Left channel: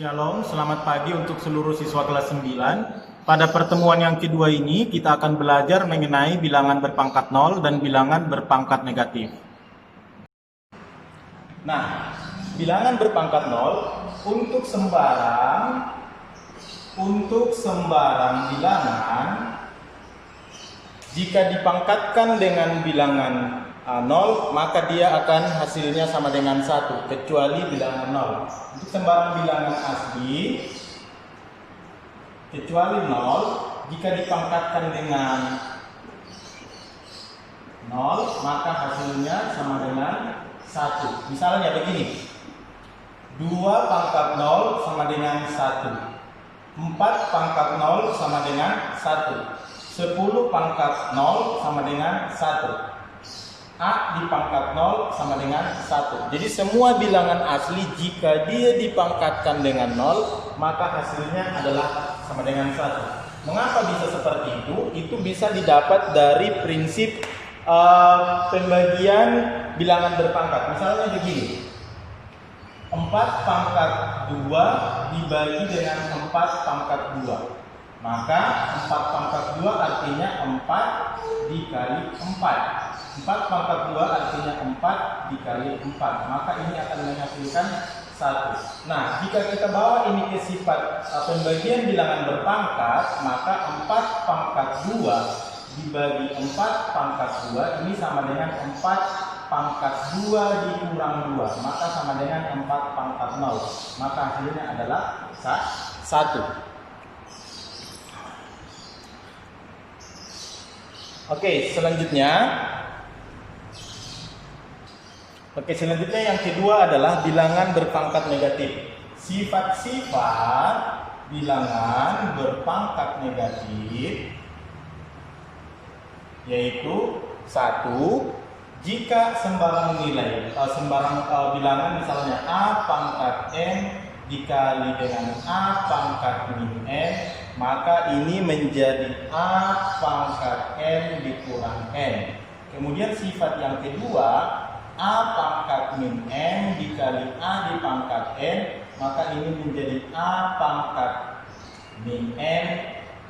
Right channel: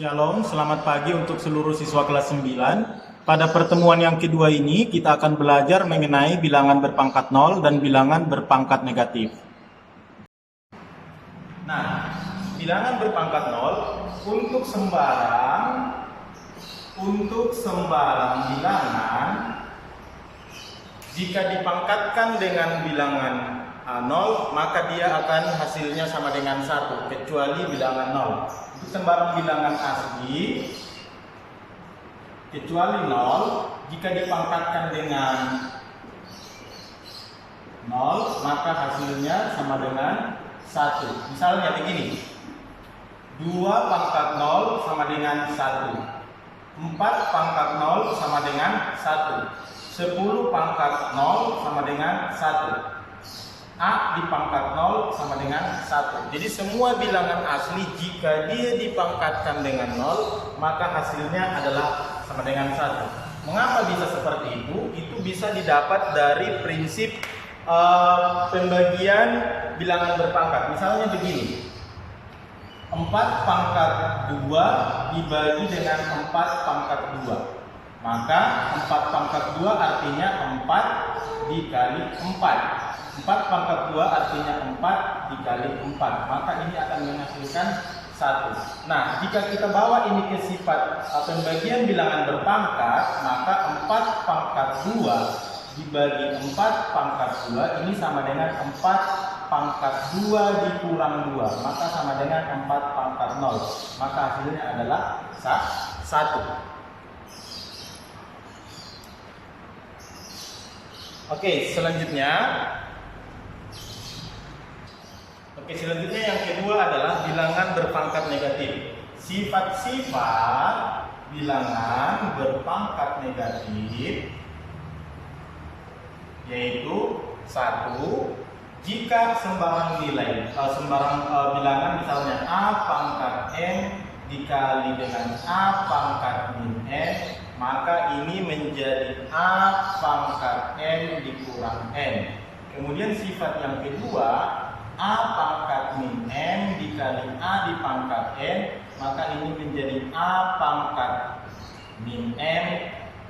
Shalom, selamat pagi untuk seluruh siswa kelas 9. Pada pertemuan yang kedua ini, kita akan belajar mengenai bilangan berpangkat 0 dan bilangan berpangkat negatif. Nah, bilangan berpangkat 0 untuk sembarang bilangan, jika dipangkatkan dengan bilangan 0, maka dia akan hasilnya sama dengan 1, kecuali bilangan 0. Untuk sembarang bilangan asli, kecuali 0, jika dipangkatkan dengan 0, maka hasilnya sama dengan 1. Misalnya begini, 2 pangkat 0 sama dengan 1, 4 pangkat 0 sama dengan 1, 10 pangkat 0 sama dengan 1. A di pangkat 0 sama dengan 1. Jadi semua bilangan asli jika dia dipangkatkan dengan 0, maka hasilnya adalah sama dengan 1. Mengapa bisa seperti itu? Itu bisa didapat dari prinsip pembagian bilangan berpangkat. Misalnya begini, 4 pangkat 2 dibagi dengan 4 pangkat 2. Maka 4 pangkat 2 artinya 4 dikali 4. 4 pangkat 2 artinya 4 dikali 4. Maka ini akan menghasilkan 1. Nah, jika kita bawa ini ke sifat pembagian bilangan berpangkat, maka 4 pangkat 2 dibagi 4 pangkat 2 ini sama dengan 4 pangkat 2 dikurang 2. Maka sama dengan 4 pangkat 0. Maka hasilnya adalah 1. Oke, selanjutnya yang kedua adalah bilangan berpangkat negatif. Sifat-sifat bilangan berpangkat negatif yaitu 1. Jika sembarang bilangan misalnya A pangkat N dikali dengan A pangkat min N, maka ini menjadi A pangkat N dikurang N. Kemudian sifat yang kedua, A pangkat min N dikali A di pangkat N, maka ini menjadi A pangkat min N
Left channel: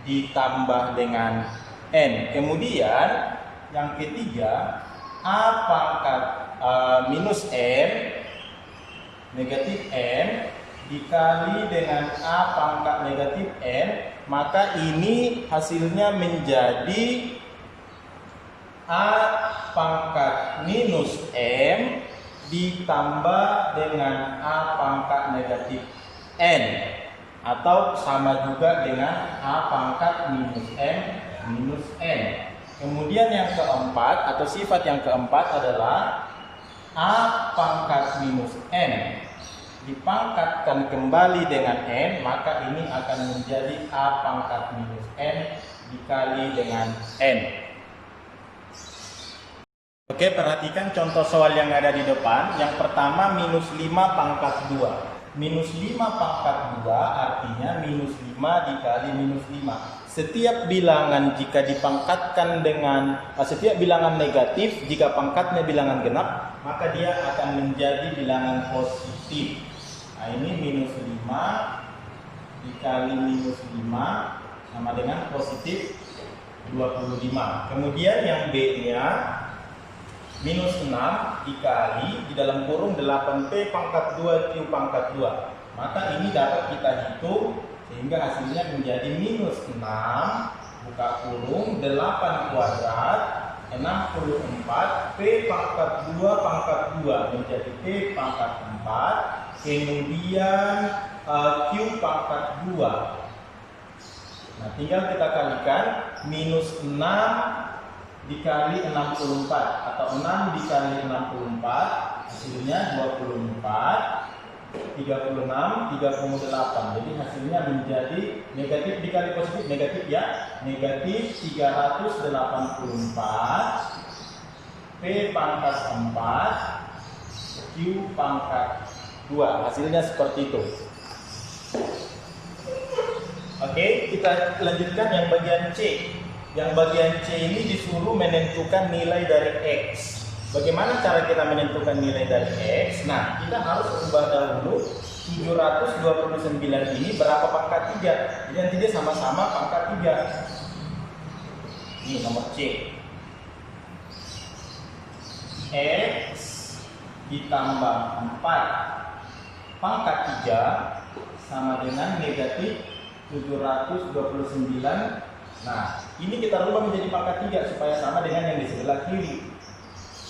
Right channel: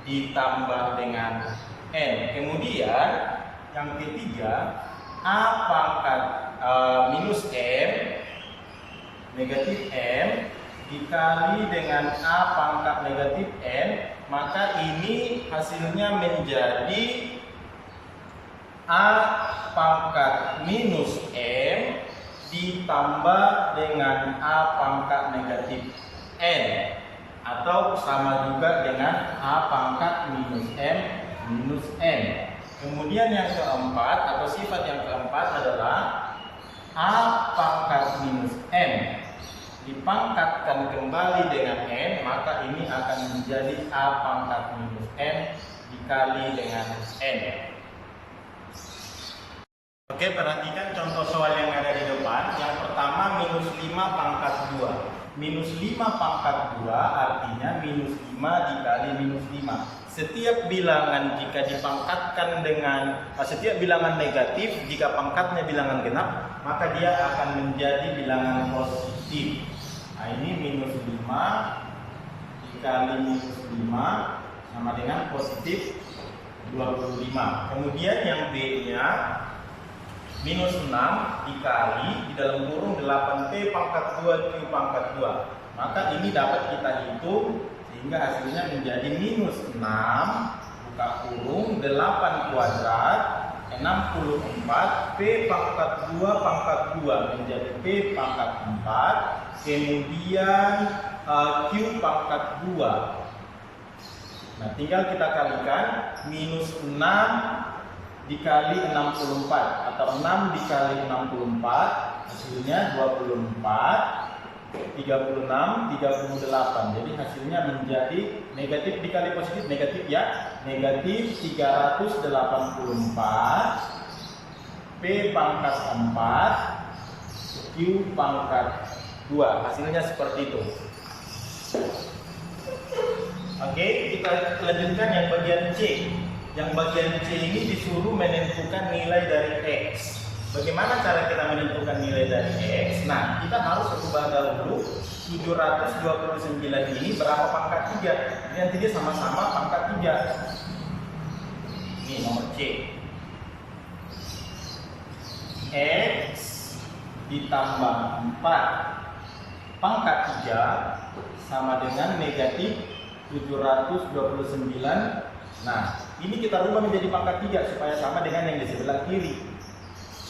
ditambah dengan N. Kemudian yang ketiga, A pangkat minus N negatif N dikali dengan A pangkat negatif N, maka ini hasilnya menjadi A pangkat minus N ditambah dengan A pangkat negatif N, atau sama juga dengan A pangkat minus N minus N. Kemudian yang keempat atau sifat yang keempat adalah A pangkat minus N dipangkatkan kembali dengan N, maka ini akan menjadi A pangkat minus N dikali dengan N. Oke, perhatikan contoh soal yang ada di depan. Yang pertama, minus 5 pangkat 2. Minus 5 pangkat 2 artinya minus 5 dikali minus 5. Setiap bilangan jika dipangkatkan dengan setiap bilangan negatif, jika pangkatnya bilangan genap, maka dia akan menjadi bilangan positif. Nah, ini minus 5 dikali minus 5 sama dengan positif 25. Kemudian yang B-nya minus 6 dikali di dalam kurung 8P pangkat 2 Q pangkat 2. Maka ini dapat kita hitung sehingga hasilnya menjadi minus 6 buka kurung 8 kuadrat 64 P pangkat 2 pangkat 2 menjadi P pangkat 4, kemudian Q pangkat 2. Nah, tinggal kita kalikan minus 6 dikali 64 atau 6 dikali 64 hasilnya 24, 36, 38. Jadi hasilnya menjadi negatif dikali positif negatif ya, negatif 384 P pangkat 4 Q pangkat 2. Hasilnya seperti itu. Oke, kita lanjutkan yang bagian C. Yang bagian C ini disuruh menentukan nilai dari X. Bagaimana cara kita menentukan nilai dari X? Nah, kita harus ubah dahulu 729 ini berapa pangkat 3. Dan tidak sama-sama pangkat 3. Ini nomor C. X ditambah 4 pangkat 3 sama dengan negatif 729. Nah, ini kita rubah menjadi pangkat 3 supaya sama dengan yang di sebelah kiri.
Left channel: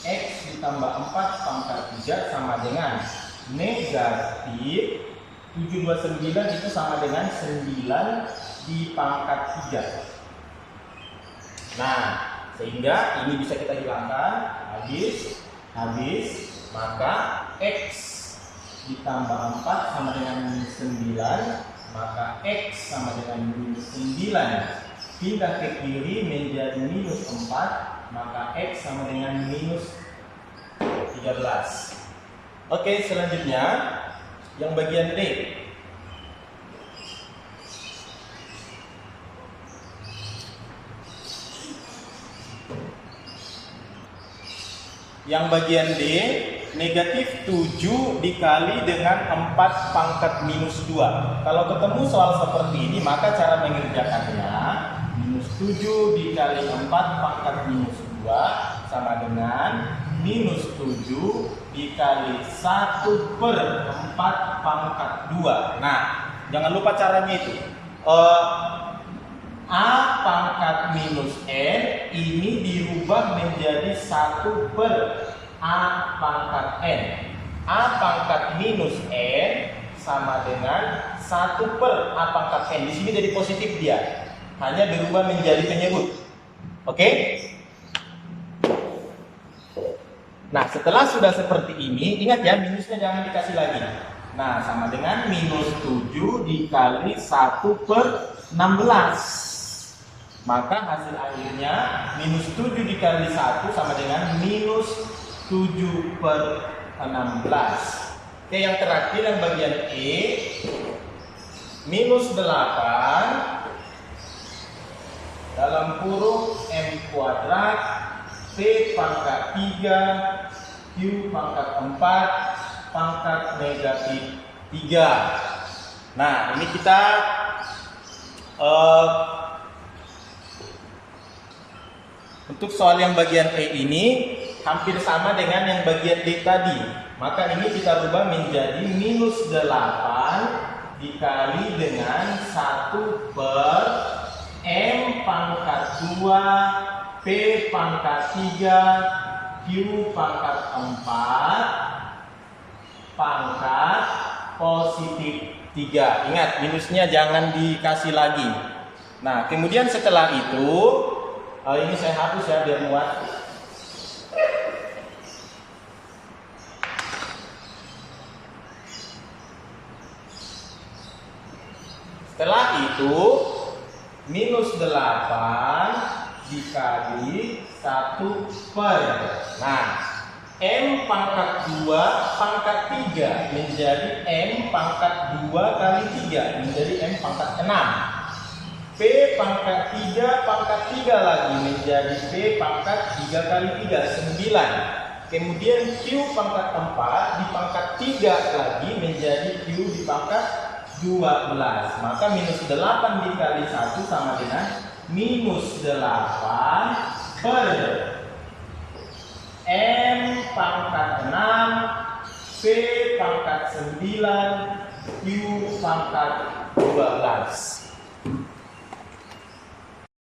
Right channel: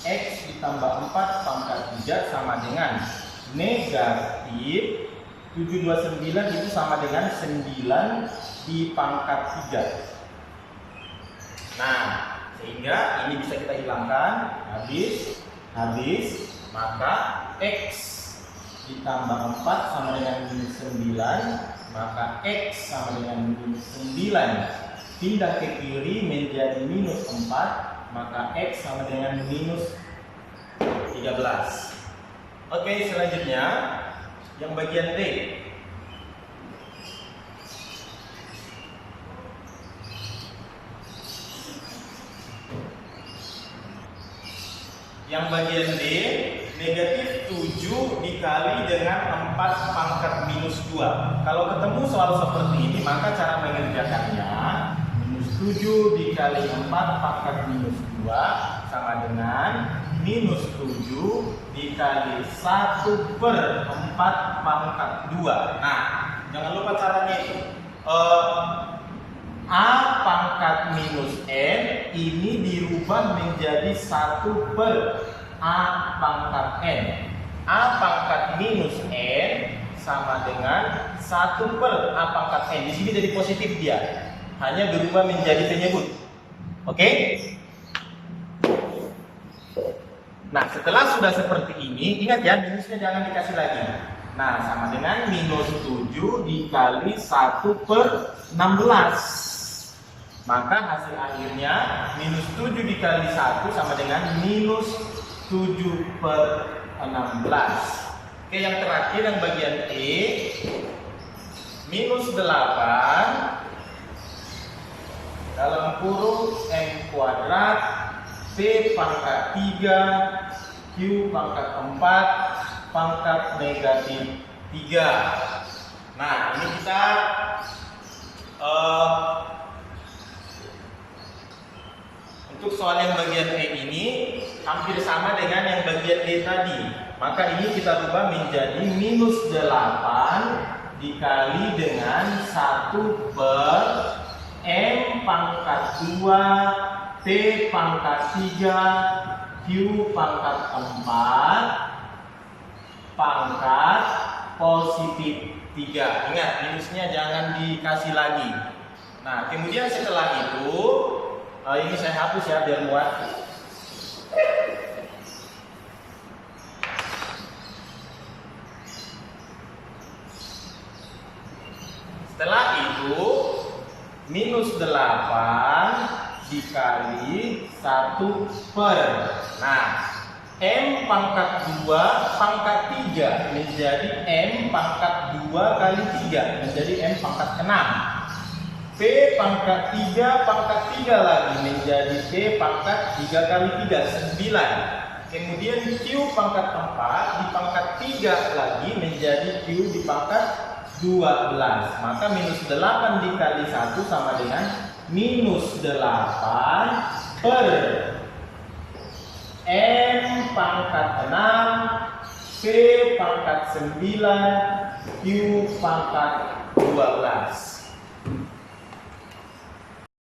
X ditambah 4 pangkat 3 sama dengan negatif 729 itu sama dengan 9 di pangkat 3. Nah, sehingga ini bisa kita hilangkan. Habis, maka X ditambah 4 sama dengan minus 9, maka X sama dengan minus 9. Pindah ke kiri menjadi minus 4, maka X sama dengan minus 13. Oke, selanjutnya yang bagian D. Yang bagian D, negatif 7 dikali dengan 4 pangkat minus 2. Kalau ketemu soal seperti ini, maka cara mengerjakannya minus 7 dikali 4 pangkat minus 2 sama dengan minus 7 dikali 1/4 pangkat 2. Nah, jangan lupa caranya itu. A pangkat minus N ini dirubah menjadi 1/A pangkat N. A pangkat minus N sama dengan 1/A pangkat N. Di sini jadi positif dia. Hanya berubah menjadi penyebut. Oke? Nah, setelah sudah seperti ini, ingat ya, minusnya jangan dikasih lagi. Nah, sama dengan minus 7 dikali 1/16. Maka hasil akhirnya minus 7 dikali 1 sama dengan minus 7/16. Oke, yang terakhir yang bagian E, minus 8 dalam kurung M kuadrat P pangkat 3 Q pangkat 4 pangkat negatif 3. Nah, ini kita untuk soal yang bagian E ini hampir sama dengan yang bagian D tadi. Maka ini kita rubah menjadi minus 8 dikali dengan 1/M pangkat 2 P pangkat 3 Q pangkat 4 pangkat positif 3. Ingat, minusnya jangan dikasih lagi. Nah, kemudian setelah itu ini saya hapus ya biar muat. Setelah itu minus 8 dikali 1/. Nah, M pangkat 2 pangkat 3 menjadi M pangkat 2 kali 3 menjadi M pangkat 6. P pangkat 3 pangkat 3 lagi menjadi P pangkat 3 kali 3, 9. Kemudian Q pangkat 4 di pangkat 3 lagi menjadi Q di pangkat 12. Maka minus 8 dikali 1 sama dengan minus 8 per M pangkat 6 P pangkat 9 Q pangkat 12.